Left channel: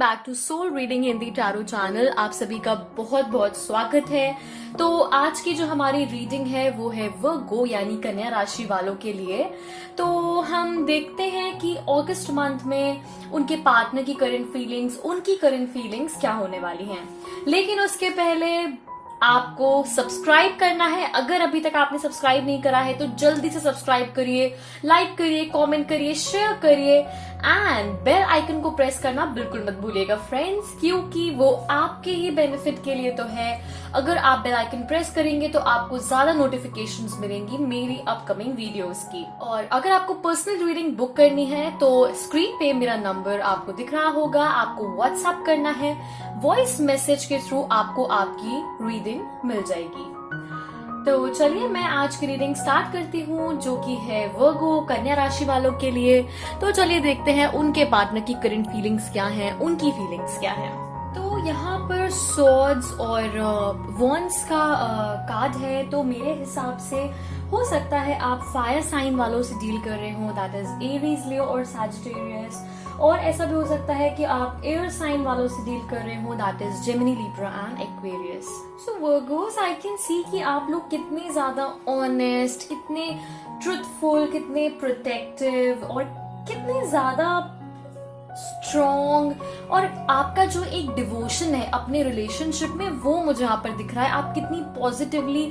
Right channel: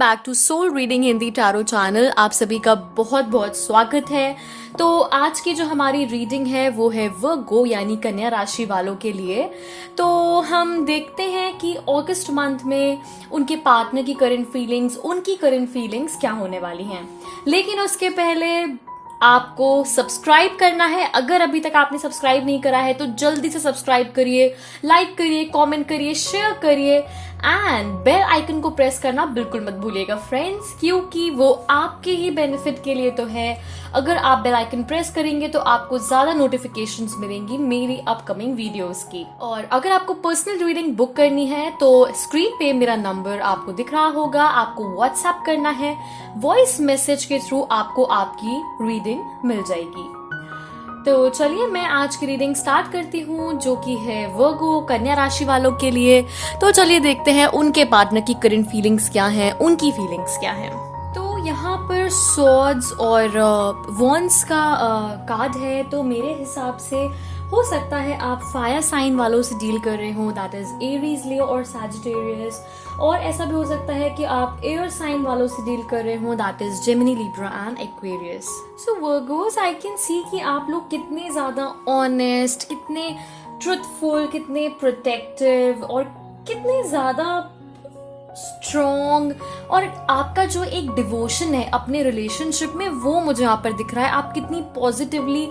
Back to soul reading Hindi tarot channel. आप सभी का बहुत बहुत स्वागत है। तो आज की जो हमारी रीडिंग है वो है वर्गो यानी कन्या राशि वालों के लिए। तो हम देखते हैं कि अगस्त मंथ में उनके पार्टनर की उनकी करंट फीलिंग्स क्या होने वाली हैं। लेकिन उसके पहले आपको सब्सक्राइब करना है। अगर अभी तक आपने सब्सक्राइब नहीं करा है तो जल्दी से सब्सक्राइब करिए, लाइक करिए, कमेंट करिए, शेयर करिए एंड बेल आइकन को प्रेस करना बिल्कुल मत भूलिएगा फ्रेंड्स, क्योंकि वो आपके ही बेनिफिट के लिए तो है। अगर आप बेल आइकन प्रेस करेंगे तो आपको ज्यादा नोटिफिकेशंस मिलेंगी मेरी अपकमिंग वीडियोस की। और अगर आपको पर्सनल रीडिंग बुक करनी है तो स्क्रीन पे मेरा नंबर आपको दिख रहा होगा, आपको व्हाट्सएप करना है, वॉइस मैसेज के थ्रू आपको आपकी रीडिंग मिल जाएगी। तो चलिए मैं आज की रीडिंग स्टार्ट करती हूँ, जो कि है वर्गो कन्या राशि वालों के लिए। तो चलिए देखते हैं उनके पार्टनर की करंट फीलिंग्स क्या हैं, उनकी फीलिंग्स क्या हैं। तो यहाँ पर सॉर्ड्स और वॉन्ड्स का कार्ड है। तो मेरे हिसाब से हो सकता है आप फायर साइन वालों से डील कर रहे हो, दैट इज एरीज, लियो और सैजिटेरियस। और ऐसा भी हो सकता है कि आप एयर साइन वालों से डील कर रहे हो, that is Gemini, Libra and Aquarius. So Virgo's, I can see कि आप लोग कितने ज्यादा ऑनेस्ट, कितने ट्रुथफुल, कितने प्रोटेक्टिव और कितने ज्यादा स्ट्रॉन्ग, और आपका जो एक डिवोशन है अपने रिलेशनशिप में वो मुझे यहाँ पर दिख रहा है। आप कितनी पॉजिटिवली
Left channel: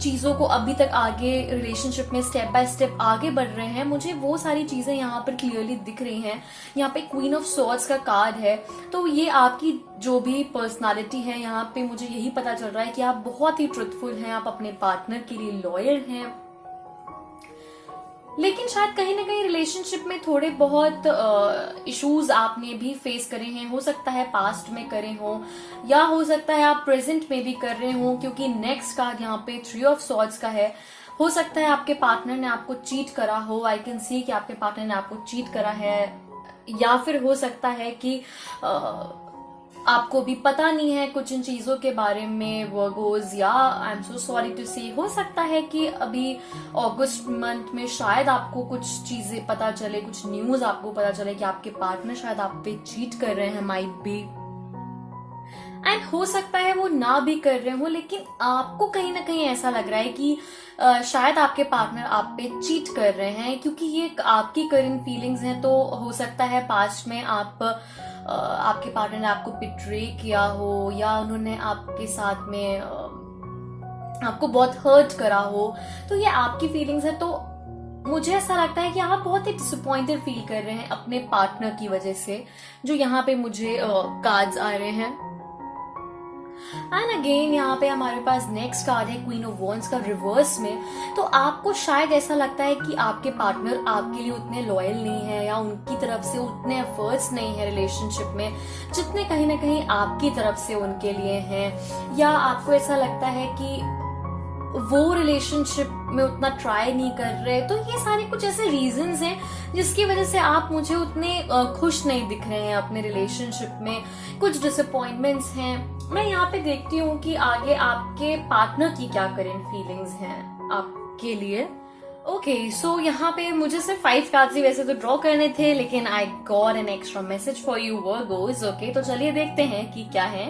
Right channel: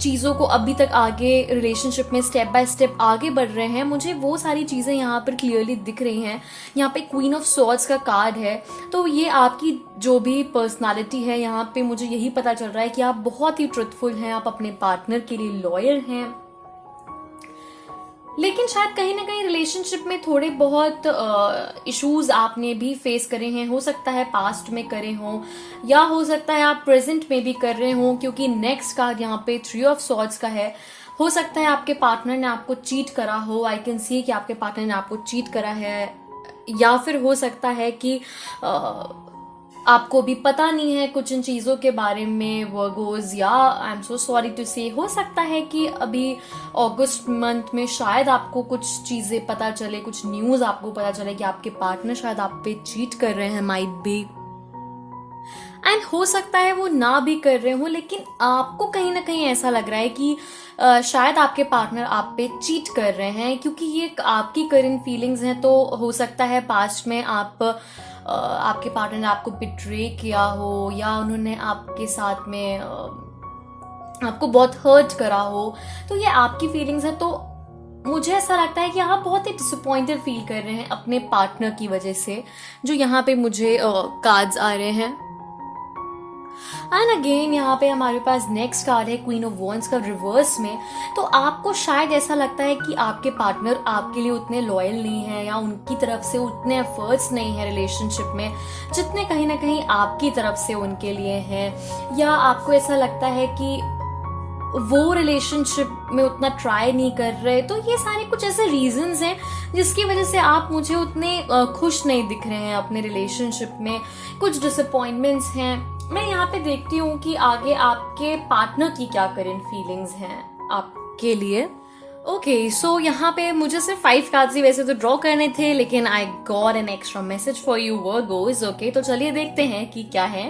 चीज़ों को अभी तक आगे रिलेशनशिप में स्टेप बाय स्टेप आगे बढ़ रहे हैं, मुझे वो सारी चीज़ें यहाँ पर क्लियरली दिख रही हैं। यहाँ पे क्वीन ऑफ सॉर्ड्स का कार्ड है। तो ये आपकी जो भी पर्सनालिटी है, यहाँ पे मुझे यही पता चल रहा है कि आप बहुत ही ट्रुथफुल हैं, आप अपने पार्टनर के लिए लॉयल हैं। लेकिन शायद कहीं ना कहीं रिलेशनशिप में थोड़े बहुत इश्यूज आपने भी फेस करे हैं। हो सकता है पास्ट में करे हो, या हो सकता है आप प्रेजेंट में भी कर रहे हो, क्योंकि नेक्स्ट कार्ड यहाँ पे 3 ऑफ सॉर्ड्स का है। हो सकता है आपके पार्टनर ने आपको चीट करा हो, आई कैन सी कि आपके पार्टनर ने आपको चीट करा है, या फिर हो सकता है कि आपको भी पता नहीं है कुछ इन चीज़ों के बारे में वर्गोज, या I am so sorry to say हो सकता है कि अभी अगस्त मंथ में शायद आपको कुछ चीज़ें पता चले, कुछ न्यूज़ आपको पता चले कि आपके पार्टनर शायद आप पे चीट कर रहे हैं, माइट बी। एंड हो सकता है वो ना भी कर रहे हो, लेकिन आपको कहीं ना कहीं ऐसा लग रहा है कि शायद आपके पार्टनर आप पे चीट कर रहे हैं, क्योंकि ये आपकी करंट फीलिंग्स हैं। तो हो सकता है पास्ट में आपके पार्टनर ने आपको बिट्रे किया हो, या उन्होंने आपके साथ में आपको बहुत हर्ट करा हो। तो ये आपकी फीलिंग्स है। तो मुझे ऐसा लगता है कि आप बहुत ही डिसअपॉइंटेड फील कर रहे हैं अपने पार्टनर की वजह से, जो यहाँ पे मुझे कार्ड्स आ रहे हैं। एंड अगेन यहाँ पे हमारे पास नेक्स्ट कार्ड है क्वीन ऑफ वॉन्ड्स का रिवर्स में। तो आपको शायद ऐसा लगता है कि आपके पार्टनर आपके लिए उतने लॉयल नहीं है, या उनकी तरफ से उतने एफर्ट्स नहीं है रिलेशनशिप में जितने कहीं ना कहीं आपकी तरफ से उनके लिए हैं, या आपको ऐसा लगता है कि वो रिलेशनशिप में उतना ट्राई नहीं कर रहे। तो ये सारे कुछ ऐसे रीजंस हैं जिसकी वजह से आप मुझे उतने खुश नहीं दिख रहे हैं अपने रिलेशनशिप में। कुछ डिसअपॉइंटमेंट्स हैं। मैं यहाँ पे देखती हूँ कि आगे आपके पार्टनर की क्या करंट फीलिंग्स हैं आपके लिए। ओके, सो यहाँ पे मुझे सिर्फ 5 कार्ड्स ही वैसे तो ड्रॉ करने थे, लेकिन I got an extra message for you Virgo's. Okay, तो चलिए देखते हैं कि क्या है।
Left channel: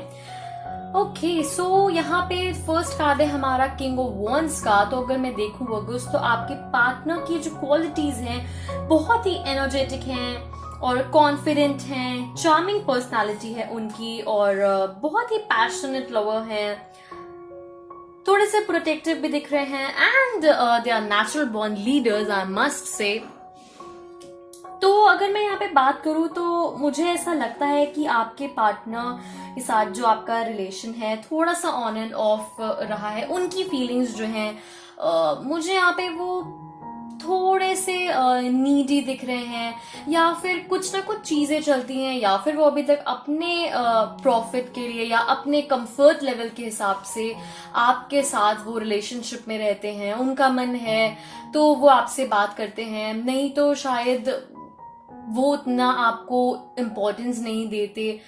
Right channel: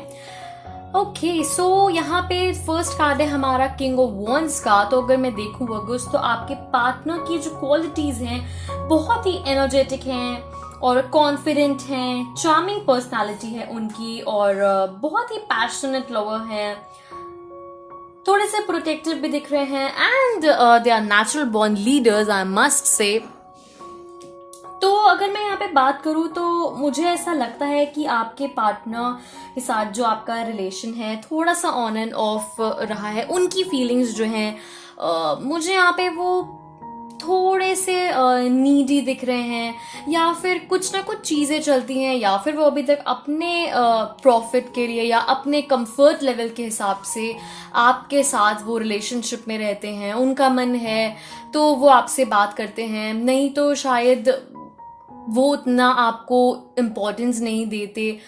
ओके, सो यहाँ पे फर्स्ट कार्ड है हमारा किंग ऑफ वॉन्ड्स का। तो अगर मैं देखूं वर्गोस, तो आपके पार्टनर की जो क्वालिटीज हैं बहुत ही एनर्जेटिक हैं और कॉन्फिडेंट हैं, चार्मिंग पर्सनालिटी है उनकी, और बहुत ही पैशनेट लवर हैं, थोड़े से प्रोटेक्टिव भी दिख रहे हैं, and they are natural born leaders, I must say. तो अगर मैं यहाँ पे बात करूँ तो मुझे ऐसा लगता है कि आपके पार्टनर के साथ जो आपका रिलेशन है थोड़ा सा ऑन एंड ऑफ रहा है। उनकी फीलिंग्स जो हैं मुझे यहाँ पे वो थोड़े से नीडी दिख रहे हैं, या फिर कुछ ना कुछ चीजें चलती हैं, या फिर वो अभी तक अपने प्रॉफिट के लिए या अपने कंफर्ट लेवल के हिसाब से आपके साथ वो रिलेशनशिप में रहते हैं। उनका मन है तो वो आपसे बात करते हैं, नहीं तो शायद वो उतना आपको इम्पोर्टेंस नहीं देते।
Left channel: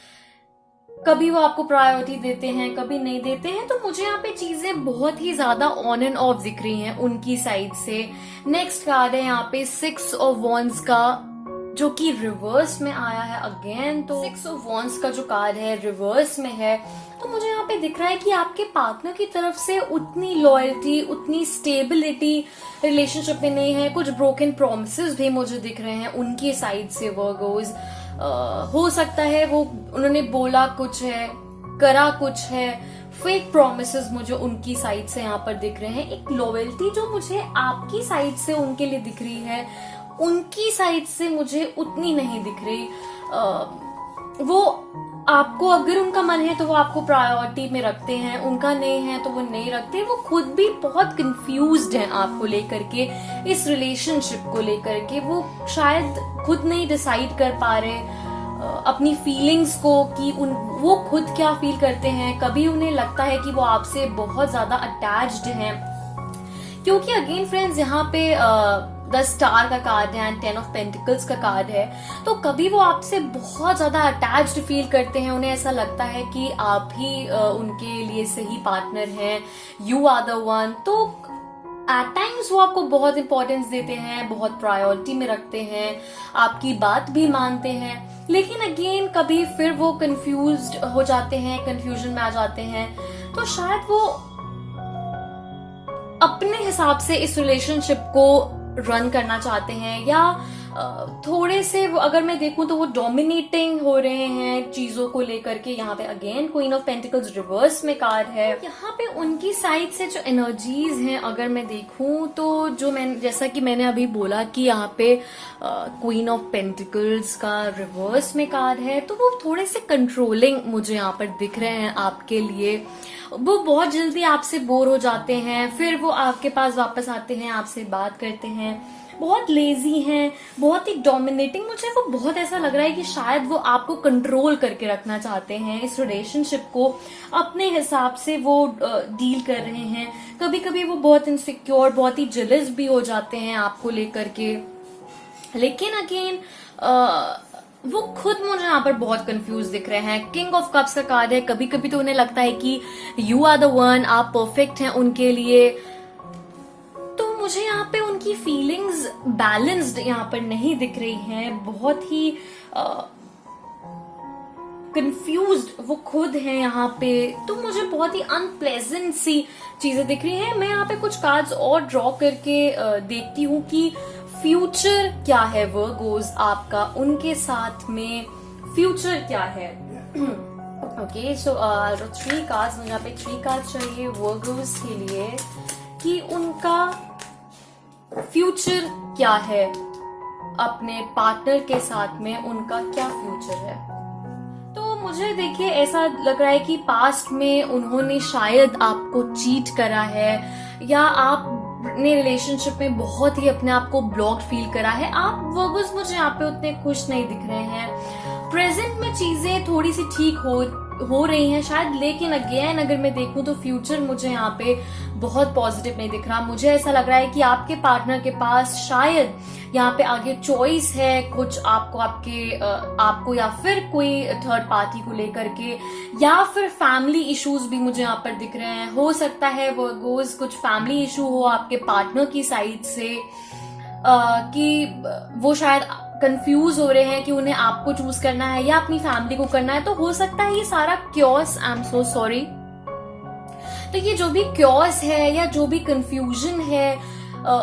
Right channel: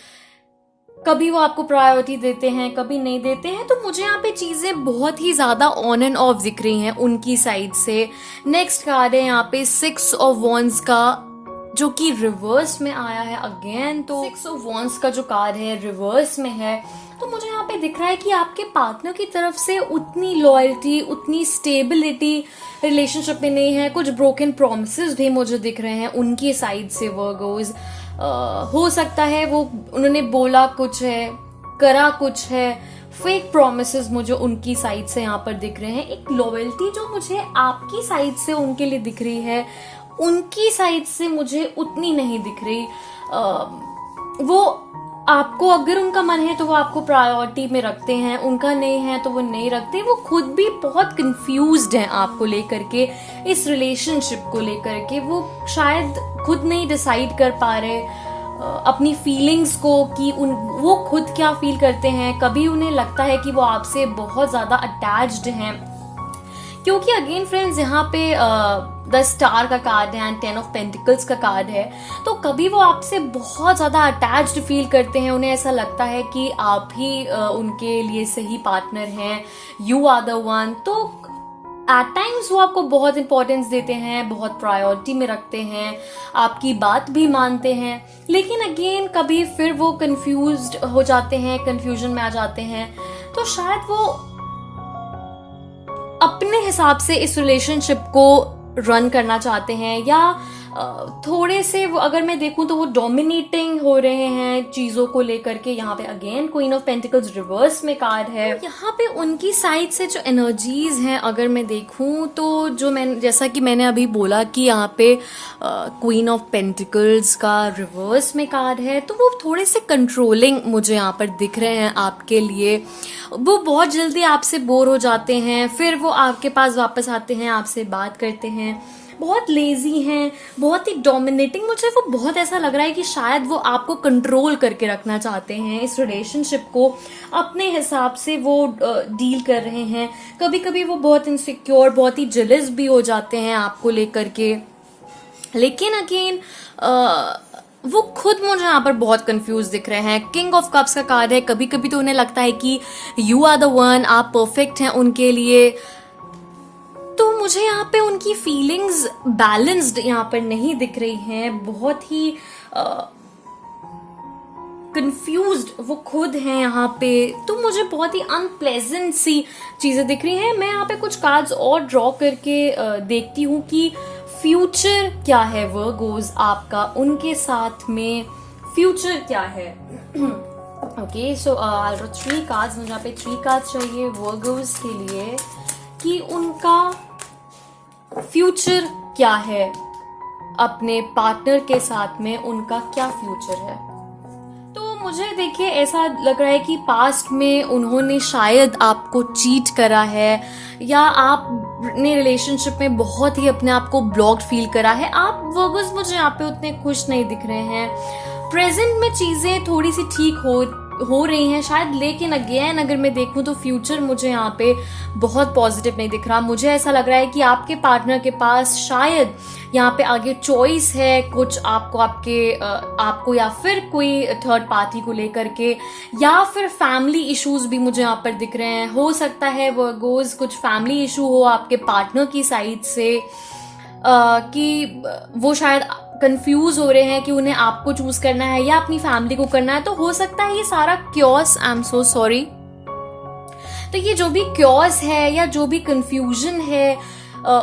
कभी वो आपको प्रायोरिटी देते हैं, कभी नहीं देते हैं। तो मुझे यहाँ पे चीजें बहुत ही ज्यादा ऑन एंड ऑफ दिख रही हैं उनकी साइड से। नेक्स्ट कार्ड है यहाँ पे 6 ऑफ वॉन्ड्स का, जो कि रिवर्स में आया है अगेन। तो 6 ऑफ वॉन्ड्स का जो कार्ड है रिवर्स में है, तो मुझे यहाँ पे दिख रहा है कि आपके पार्टनर की तरफ से उतनी लॉयल्टी, उतनी स्टेबिलिटी रिलेशनशिप में नहीं है। कुछ ब्रोकन प्रॉमिसेस भी मुझे दिख रहे हैं उनकी साइड से। वर्गोज हो सकता है वो उन्होंने बोला कुछ है, करा कुछ है, फेक प्रोमिसेस मुझे उनकी साइड से यहाँ पर दिख रहे हैं। एक लॉयल्टी जो मुझे आपकी साइड से उनके लिए दिख रही है, उनकी साइड से मुझे उतनी नहीं दिख रही। वो आपको, अगर उनका मन है तो वो आपको प्रायोरिटी में रखते हैं, उनका नहीं है तो वो नहीं रखते। वो खुद भी बहुत कंफ्यूज्ड हैं आपको लेकर के, इस रिलेशनशिप को लेकर के। वो शायद खुद नहीं डिसाइड कर पा रहे अपनी फीलिंग्स को कि वो खुद क्या फील करते हैं। कभी उन्हें लगता है कि वो आपसे बहुत ज्यादा अटैच्ड हैं, क्योंकि अगेन फ्रेंड्स यहाँ पे द स्टार का कार्ड है एंड 10 ऑफ पेंटिकल्स का कार्ड है। तो कभी वो आपसे बहुत ज्यादा अटैच्ड फील करते हैं, उन्हें ऐसा लगता है कि आप ही उनके लिए सही पार्टनर हैं, यू आर द वन। तो एट टाइम्स वो आपको बहुत इंपॉर्टेंस देते हैं, बहुत प्रायोरिटी में रखते हैं, आपकी बात भी मानते हैं। लेकिन अगेन कभी फिर वो कंफ्यूज्ड हो जाते हैं, कंफ्यूजन में आ जाते हैं। तो शायद वो अपने हिसाब से इस रिलेशनशिप को रन करना चाहते हैं, या थोड़े से अगर मैं देखूं तो वो डोमिनेटिंग हो रहे हैं चीजों को लेकर के। यहाँ पे again queen of pentacles reverse में कार्ड है। यहाँ पे उनकी साइड से जो एनर्जीज हैं अगर मैं देखूं तो जो जैसा कि मैंने अभी बोला कि यहाँ पे क्वीन ऑफ पेंटिकल्स का रिवर्स में कार्ड है, तो वो थोड़े से कंट्रोलिंग मुझे यहाँ पर दिख रहे हैं आपके लिए। वो बहुत जल्दी आपसे बोर हो जाते हैं, फिर वो आपके पास वापस आते हैं, आपसे बात करते हैं। बहुत लेजी हैं, बहुत ही डोमिनेटिंग। मुझे वो बहुत ऐसा लग रहा है कि शायद वो आपको कंट्रोल करके रखना चाहते हैं, इस रिलेशनशिप को अपने हिसाब से वो डील कर रहे हैं। कभी कभी वो बहुत इनसिक्योर, बहुत ही जेलस भी हो जाते हैं आपको लेकर के। लेकिन अगेन वो खुद मुझे यहाँ पर बहुत कंफ्यूज दिख रहे हैं। किंग ऑफ कप्स का कार्ड है। कभी कभी तो उन्हें लगता है कि यू आर द वन, आप परफेक्ट हैं उनके लिए। तो मुझे यहाँ पे उनकी फीलिंग्स बैलेंस्ड यहाँ पर नहीं दिख रही हैं, बहुत ही कंफ्यूज्ड वो खुद हैं यहाँ पे। तो मुझे बहुत ही अनप्लेजेंट सी चीजें दिख रही हैं। मैं यहाँ पे कुछ कार्ड्स और ड्रॉ करके देखती हूँ कि फ्यूचर क्या है वर्गोज आपका, उनके साथ में फ्यूचर क्या है। ओके, सो 3 कार्ड्स, मुझे यहाँ पे 3 कार्ड्स चाहिए वर्गोज के लिए कि उनका फ्यूचर क्या है, अपने पार्टनर के साथ में उनका क्या फ्यूचर है। तो मुझे देखिए ऐसा लग रहा है कि पास्ट में उन्होंने शायद आपको चीट करा है, या आपने रिलेशनशिप में बहुत ही अपने आप को ब्लॉक्ड फील करा है। आप वर्गर्स मुझे यहाँ पे उतने खुश नहीं दिख रहे हैं। प्रेजेंट में चीजें थोड़ी सी ठीक हो रही हैं शायद, लेकिन अगेन अगर मैं देखूं तो फ्यूचर मुझे यहाँ पे बहुत पॉजिटिव नहीं दिख रहा। मुझे ऐसा लग रहा है कि आपके पार्टनर के पास शायद यहाँ पे आगे चॉइस है कुछ आपको या फिर कोई थर्ड पार्टी को लेकर के, या फिर फैमिली इश्यूज भी मुझे यहाँ पर दिख रहे हैं। हो सकता है वर्गोज कुछ फैमिली इशू हो आपके पार्टनर की साइड से, कि वो शायद कंफ्यूज हो रहे हैं कि उन्हें आपको चूज करना है या अपनी फैमिली को करना है। तो हो सकता है ये सारा chaos, I am so sorry, तो ये जो भी क्योस है या जो भी कंफ्यूजन है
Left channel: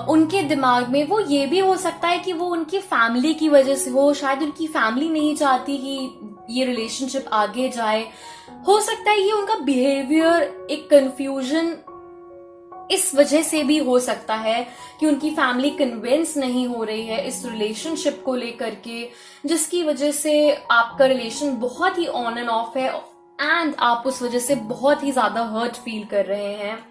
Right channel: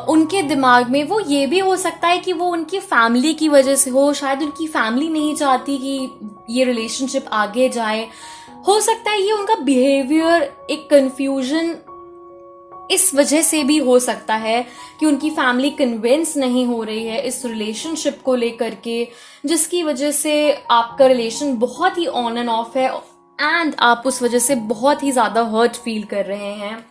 उनके दिमाग में, वो ये भी हो सकता है कि वो उनकी फैमिली की वजह से हो। शायद उनकी फैमिली नहीं चाहती कि ये रिलेशनशिप आगे जाए। हो सकता है ये उनका बिहेवियर, एक कंफ्यूजन इस वजह से भी हो सकता है कि उनकी फैमिली कन्विंस नहीं हो रही है इस रिलेशनशिप को लेकर के, जिसकी वजह से आपका रिलेशन बहुत ही ऑन एंड ऑफ है एंड आप उस वजह से बहुत ही ज्यादा हर्ट फील कर रहे हैं।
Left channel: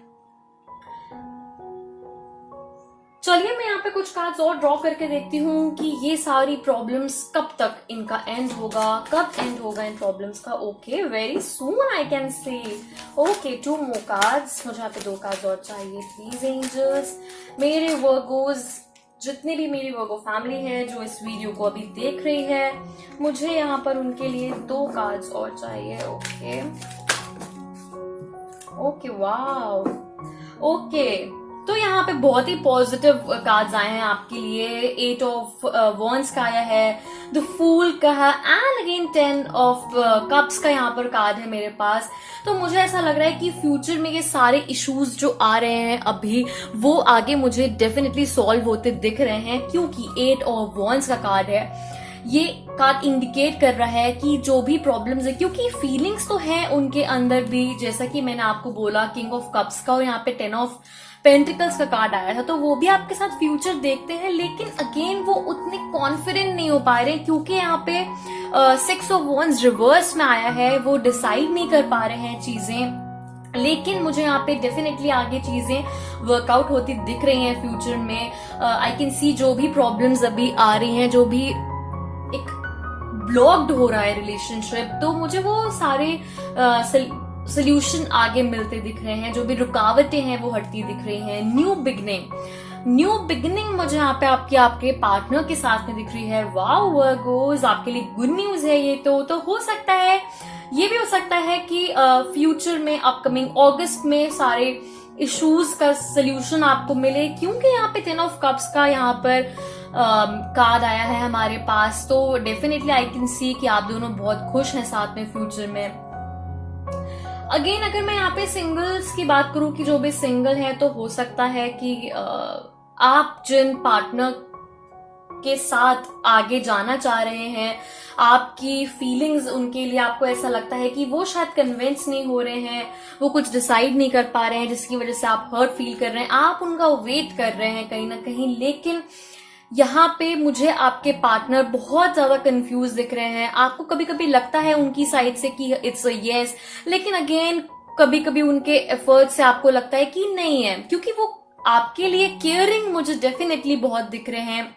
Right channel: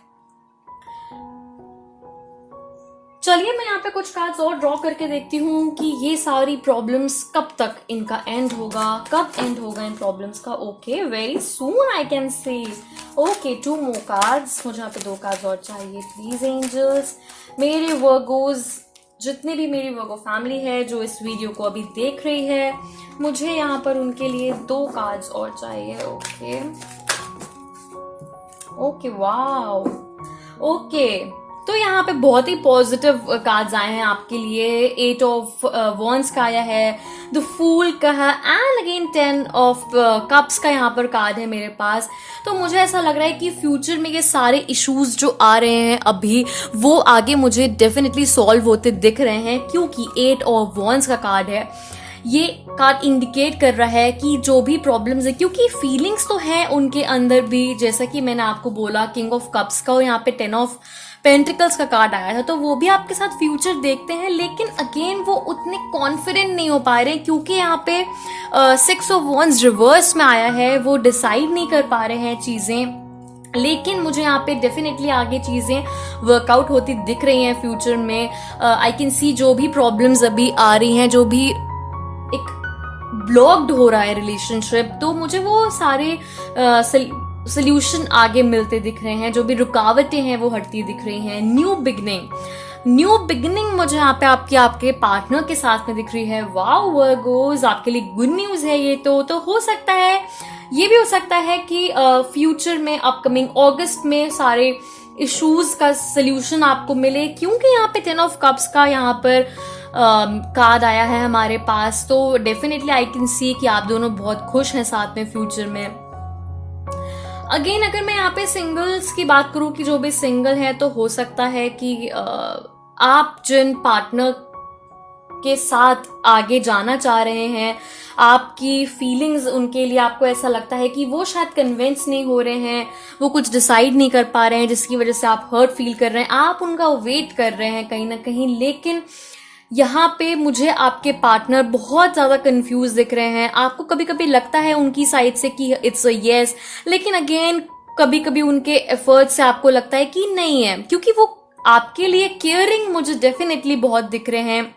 चलिए मैं यहाँ पे कुछ कार्ड्स और ड्रॉ करके देखती हूँ कि ये सारी प्रॉब्लम्स कब तक इनका एंड होगा, कब एंड होगा इन प्रॉब्लम्स का। Okay, very soon I can say. Okay, 2 more cards. मुझे यहाँ पे 2 कार्ड्स और चाहिए प्लीज एंजल्स। मेरे वर्गोज, जितने भी मेरी वर्गो फैमिली है जो इस वीडियो को अभी देख रही है, मुझे यहाँ पर उनके लिए 2 कार्ड्स और चाहिए। ओके, वाओ, ओके, तो यहाँ पे बहुत ही पॉजिटिव कार्ड्स आए हैं आपके लिए। 8 ऑफ वॉन्ड्स का आया है, द फूल का है, एंड अगेन 10 ऑफ कप्स का यहाँ पर कार्ड है मेरे पास। तो मुझे ऐसा लग रहा है कि फ्यूचर में ये सारे इश्यूज जो आ रहे हैं अभी, वो आगे मुझे डेफिनेटली सॉल्व होते दिख रहे हैं, क्योंकि 8 ऑफ वॉन्ड्स का कार्ड है। ये कार्ड इंडिकेट कर रहा है कि जो भी प्रॉब्लम्स है, क्योंकि फीलिंग्स तो हैं उनके अंदर भी, जैसा कि मैंने आपको बोला किंग ऑफ कप्स का और यहाँ पे 10 ऑफ पेंटिकल्स का कार्ड आया था, तो वो भी आपके साथ फ्यूचर देखते हैं, लेकिन अगेन वो उतने कॉन्फिडेंट नहीं हो पा रहे हैं, क्योंकि यहाँ पे 6 ऑफ वॉन्ड्स रिवर्स में आया है, वो डिसाइड नहीं कर पा रहे हैं चीजें। लेकिन मुझे यहाँ पे डेफिनेटली आगे चीजें वर्कआउट होती दिख रही हैं फ्यूचर में। आई कैन सी जो भी प्रॉब्लम्स अभी आ रही हैं, जो भी एक ब्लॉक्ड हो रहा है रिलेशनशिप, तो मुझे वो सारे सोल्यूशन आगे मिलते दिख रहे हैं। जो भी रुकावटें हैं वो हटती दिख रही हैं। न्यू बिगिनिंग मुझे यहाँ पे आपके पार्टनर के साथ में दिख रही है। वाओ वर्गोस, आपके लिए गुड न्यूज है ये। तो हो सकता है, ये भी हो सकता है कि फ्यूचर में अपकमिंग अगस्त में सारे इश्यूज का सोल्यूशन आपको मिले, क्योंकि यहाँ पे 10 ऑफ कप्स का यहाँ पर कार्ड आया है हमारे पास। तो डेफिनेटली आई कैन सी कि आप दोनों बहुत खुश हैं साथ में फ्यूचर में। अगेन अगर मैं यहाँ पे सिंगल्स की बात करूं कि जो भी सिंगल है, तो हो सकता है कि आप जिन पार्टनर के साथ आगे जाना चाह रहे हैं, आपकी फीलिंग्स उनके लिए, आपको ऐसा लगता है कि वो शायद कन्विंस नहीं हो रहे हैं, वो कुछ डिसाइड नहीं कर पा रहे हैं, जिसकी वजह से आप हर्ट फील कर रहे हैं, आप उनका वेट कर रहे हैं कहीं ना कहीं। लेकिन यहाँ पे मुझे आपके पार्टनर बहुत ज्यादा कंफ्यूज दिख रहे हैं। आपको कभी कभी लगता है उनकी साइड से कि इट्स अ यस, लेकिन अगेन कभी कभी उनके एफर्ट से आपको लगता है कि नहीं है, क्योंकि वो आपके लिए केयरिंग मुझे डेफिनेटली बहुत दिख रहे हैं।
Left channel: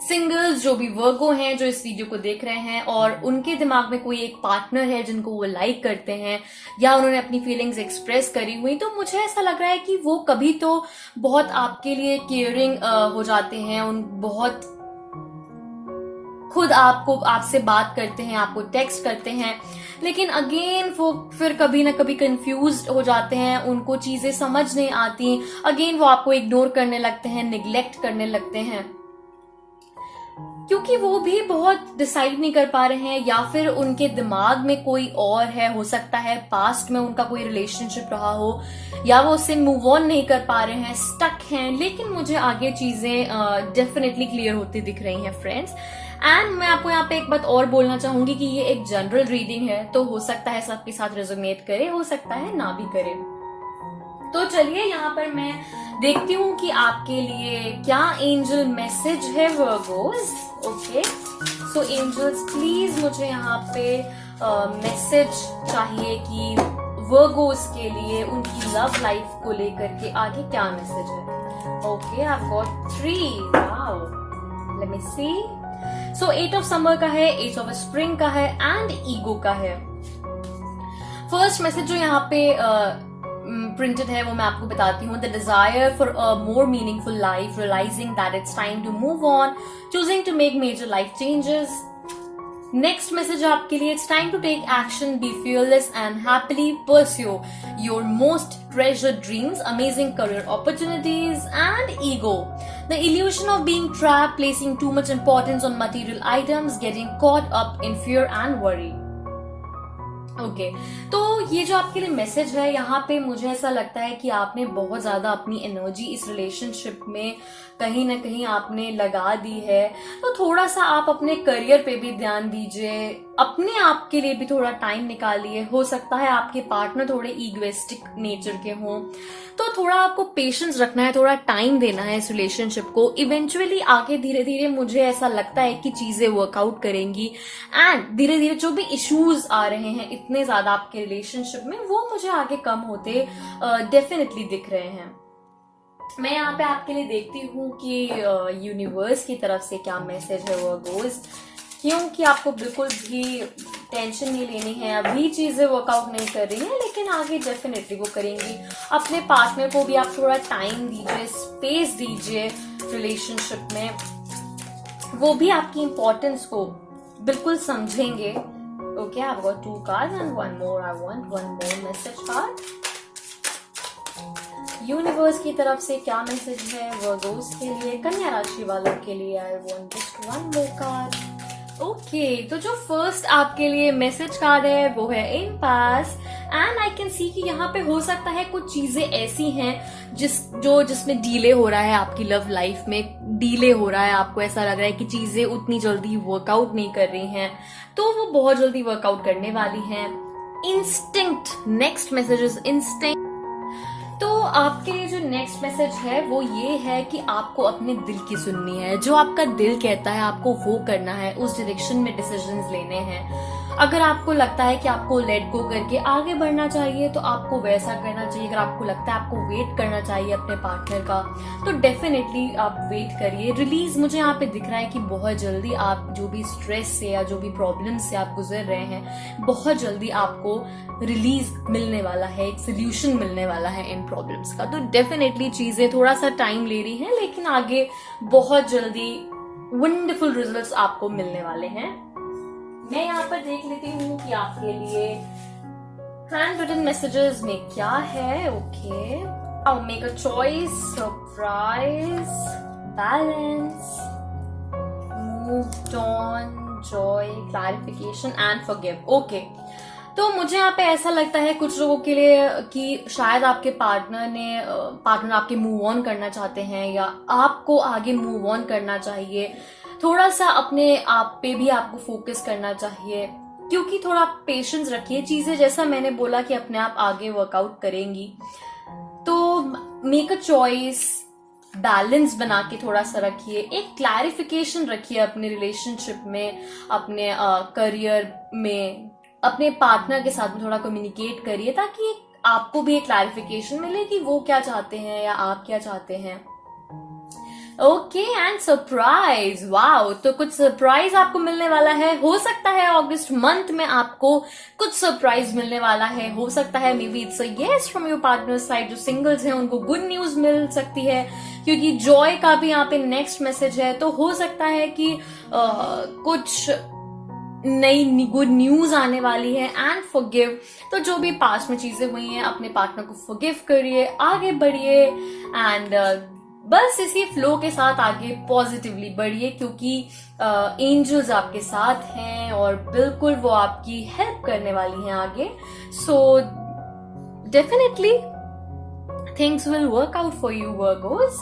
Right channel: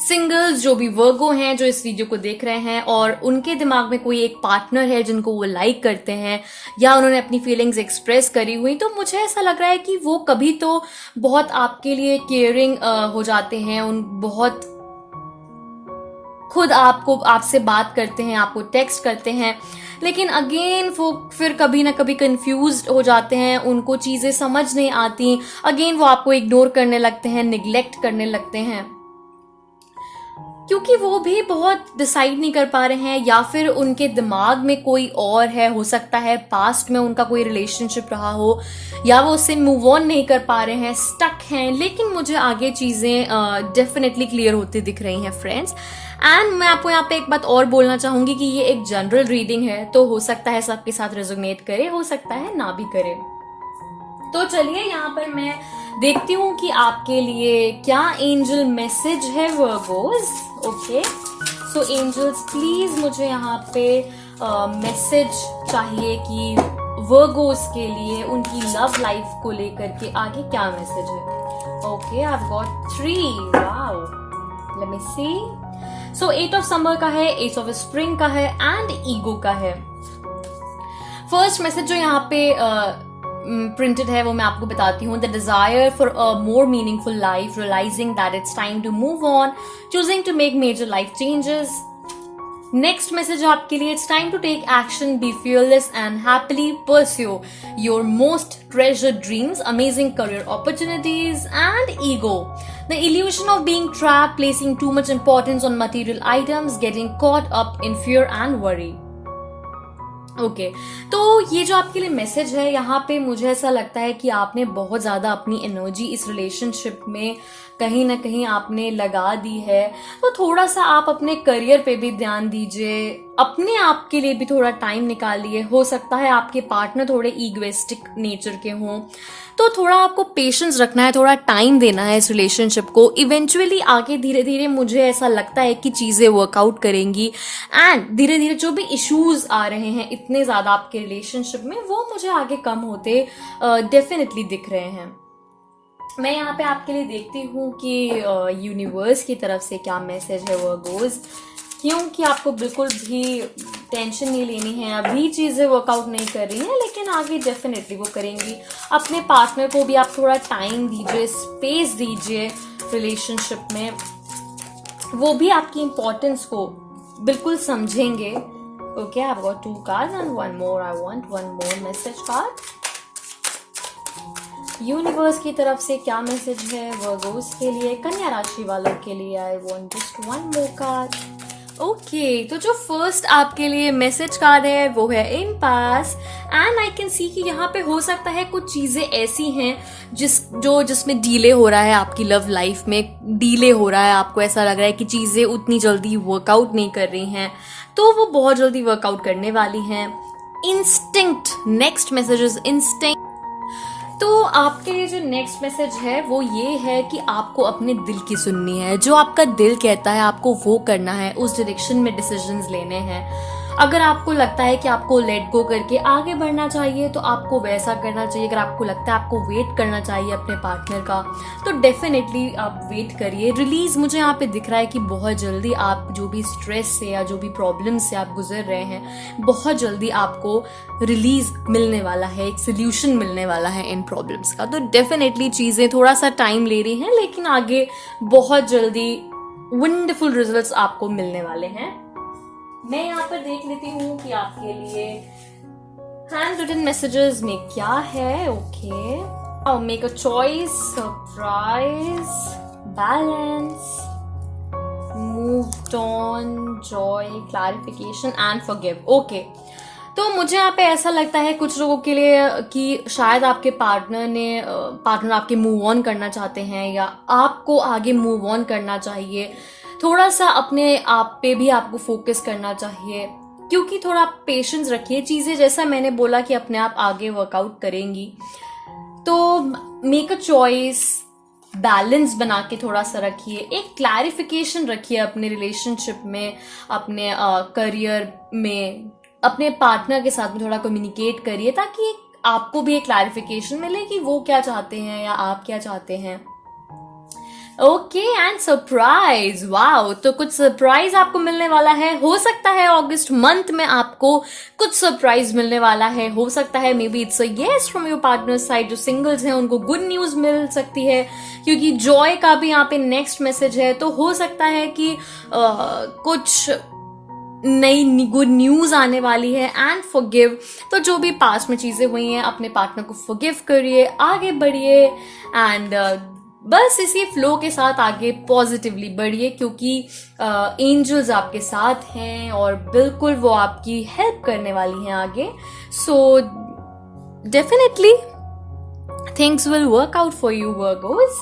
सिंगल्स जो भी वर्गो हैं जो इस वीडियो को देख रहे हैं, और उनके दिमाग में कोई एक पार्टनर है जिनको वो लाइक करते हैं, या उन्होंने अपनी फीलिंग्स एक्सप्रेस करी हुई, तो मुझे ऐसा लग रहा है कि वो कभी तो बहुत आपके लिए केयरिंग हो जाते हैं, उन बहुत खुद आपसे बात करते हैं, आपको टेक्स्ट करते हैं, लेकिन अगेन वो फिर कभी ना कभी कंफ्यूज्ड हो जाते हैं, उनको चीजें समझ नहीं आती, अगेन वो आपको इग्नोर करने लगते हैं, निग्लेक्ट करने लगते हैं, क्योंकि वो भी बहुत डिसाइड नहीं कर पा रहे हैं, या फिर उनके दिमाग में कोई और है। हो सकता है पास्ट में उनका कोई रिलेशनशिप रहा हो, या वो उससे मूव ऑन नहीं कर पा रहे हैं, स्टक हैं। लेकिन मुझे आगे चीजें डेफिनेटली क्लियर होती दिख रही हैं फ्रेंड्स। एंड मैं आपको यहाँ पे एक बात और बोलना चाहूंगी कि ये एक जनरल रीडिंग है, तो हो सकता है सबके साथ रेजोनेट करे, हो सकता है ना भी करे। तो चलिए यहाँ पर मैं देखती हूँ कि आपके लिए क्या एंजल मैसेज है Virgos. Okay, so angels please मुझे यहाँ पे मैसेज चाहिए कि वर्गोस के लिए उनकी लव लाइफ को लेकर के आगे क्या मैसेज है। Okay, I have got 3। Wow, let me see. So 8 of summer का है, 8 ऑफ स्प्रिंग का है, एंड ईगो का है। फर्स्ट मैसेज जो यहाँ पे प्रिंटेड है वो मैं आपको बताती हूँ। The desire for a more meaningful life, realising that it's time to move on, choosing to make major life changes. Next message आपके लिए, it's time to take action, be fearless and happily pursue your most treasured dreams, amazing career opportunities. And ego, the illusion of being trapped, placing too much importance on material items, getting caught up in fear and worry. Okay, तो ये जो आपके लिए message है, यहाँ पे मुझे ऐसा लगता है कि आपने बहुत ज्यादा अपनी एनर्जी इस रिलेशनशिप में कहीं ना कहीं आपने लगा दी है। तो थोड़ा सा आप अपने करियर पे भी ध्यान दीजिए, अपने आप के लिए भी थोड़ा टाइम निकालिए। हो सकता है आपके पार्टनर थोड़े ईगोइस्टिक नेचर के हों, तो थोड़ा आपको पेशेंस रखना है, थोड़ा टाइम देना है इस रिलेशनशिप को। इवेंचुअली आगे धीरे धीरे मुझे ऐसा लगता है कि चीजें वर्कआउट करेंगी, एंड धीरे धीरे जो भी इश्यूज आ रहे हैं इतने ज्यादा आपके रिलेशनशिप में, वो मुझे आगे कम होते डेफिनेटली दिख रहे हैं। मैं यहाँ पे आपके लिए देखती हूँ कि यूनिवर्स की तरफ से क्या मैसेज है वर्गोस, क्योंकि आपको बिल्कुल भी टेंशन नहीं लेनी है। अभी चीजें वर्कआउट नहीं कर रही हैं, लेकिन आगे डेफिनेटली वो करेंगी। अपने पार्टनर को भी आप थोड़ा टाइम दीजिए, स्पेस दीजिए रिलेशनशिप में, वो भी आपकी इंपॉर्टेंस को बिल्कुल समझेंगे। Okay, I have got 2 cards and one more. I want one more message card. Universe की तरफ से क्या मैसेज है वर्गोस के लिए, कन्या राशि वालों के लिए? I want just one more card. Okay, तो जो फर्स्ट आपके लिए मैसेज कार्ड है वो है impasse, and I can see कि यहाँ पे हो सकता है कुछ चीजें ऐसी हैं जिसमें डीले हो रहा है, आपकी लव लाइफ में डीले हो रहा है, आपको ऐसा लग रहा है कि चीजें उतनी जल्दी वर्कआउट नहीं कर रही हैं, तो वो बहुत जल्दी वर्कआउट करने वाली हैं। Instinct, next message is instinct. तो आपके लिए जो नेक्स्ट मैसेज है वो ये है कि आपको अपने दिल की सुननी है, जो आपका दिल कहता है आपको वो करना है, उस डायरेक्शन में डिसीजंस लेने हैं। अगर आपको लगता है कि आपको लेट गो करके आगे बढ़ना चाहिए तो आपको वैसा करना चाहिए। अगर आपको लगता है आपको वेट करना चाहिए अपने पार्टनर का तो डेफिनेटली आप वेट करिए। रिलीज मुझे यहाँ पे दिख रहा है कि बहुत जल्दी आप जो भी स्ट्रेस से या जो भी प्रॉब्लम से आप गुजर रहे हैं, बहुत जल्दी आपको रिलीज मिलने वाला है, एक सोल्यूशन मिलने वाला है इन प्रॉब्लम्स का। तो डेफिनेटली चीजें थोड़ा सा टाइम ले रही हैं, लेकिन आगे बहुत जल्दी वंडरफुल रिजल्ट्स आपको मिलने वाले हैं। मैं यहाँ पर देख लेती हूँ कि आपके लिए हैंड रिटन मैसेजेस में क्या है। Okay, make a choice, surprise, balance, moved on, Joy, clarification and forgive. Okay, तो मुझे यहाँ पे ऐसा लगता है कुछ लोगों के लिए कि शायद आपके पार्टनर आपके मूव ऑन करना चाहते हैं या आपको आगे मूव ऑन करना चाहिए। थोड़ा सा अपने आप पे भी आपको फोकस करना चाहिए, क्योंकि थोड़ा पेशेंस रखिए। चीजें जैसा मैंने बोला कि अपने आप आगे वर्कआउट करेंगी, तो मेक अ चॉइस, बैलेंस बना के थोड़ा सा रखिए, एक क्लैरिफिकेशन रखिए अपने रिलेशनशिप में, अपने करियर में, अपने पार्टनर के साथ में थोड़ा कम्युनिकेट करिए ताकि आपको भी एक क्लैरिफिकेशन मिले कि वो क्या चाहते हैं या आप क्या चाहते हैं। ओके, एंड सरप्राइज, वाओ, तो कुछ सरप्राइज आपको मिलने वाला है। हो सकता है अगस्त मंथ में आपको कुछ सरप्राइज मिलने वाला है। हो सकता है may be it's a yes from your partner side. जो सिंगल्स हैं उनको गुड न्यूज मिल सकती है, क्योंकि जॉय का भी यहाँ पे नेक्स्ट मैसेज है। तो हो सकता है कि कुछ नई गुड न्यूज आने वाली है। एंड फॉरगिव, तो जो भी पास्ट में चीजें हुई हैं अपने पार्टनर को फॉरगिव करिए, आगे बढ़िए, एंड बस इसी फ्लो के साथ आगे पॉजिटिवली बढ़िए, क्योंकि एंजल्स आपके साथ हैं और बिल्कुल वो आपकी हेल्प करने वाली हैं आगे। So definitely things will work out for you Virgo's.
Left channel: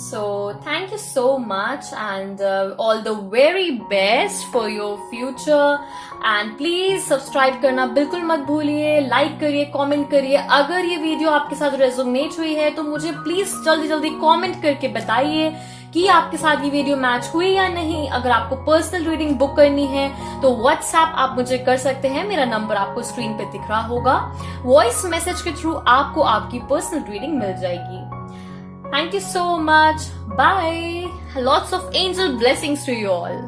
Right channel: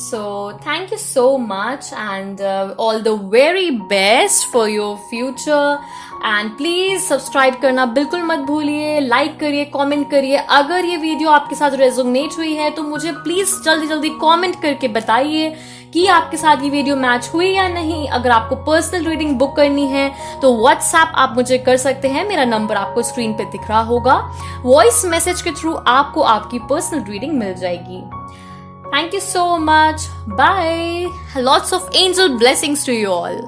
So thank you so much, and all the very best for your future, and please subscribe करना बिल्कुल मत भूलिए, लाइक करिए, कमेंट करिए। अगर ये वीडियो आपके साथ रेजोनेट हुई है तो मुझे प्लीज जल्दी जल्दी कमेंट करके बताइए कि आपके साथ ये वीडियो मैच हुई या नहीं। अगर आपको पर्सनल रीडिंग बुक करनी है तो व्हाट्सएप आप मुझे कर सकते हैं, मेरा नंबर आपको स्क्रीन पे दिख रहा होगा। वॉइस मैसेज के थ्रू आपको आपकी पर्सनल रीडिंग मिल जाएगी। Thank you so much. Bye. Lots of angel blessings to you all.